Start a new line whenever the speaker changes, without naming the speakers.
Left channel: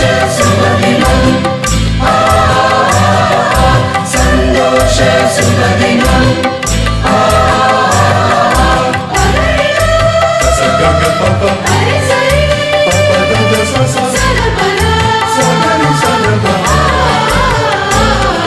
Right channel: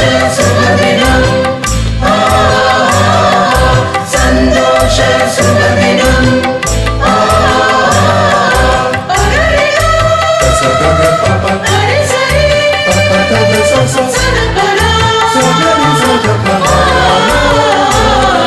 Just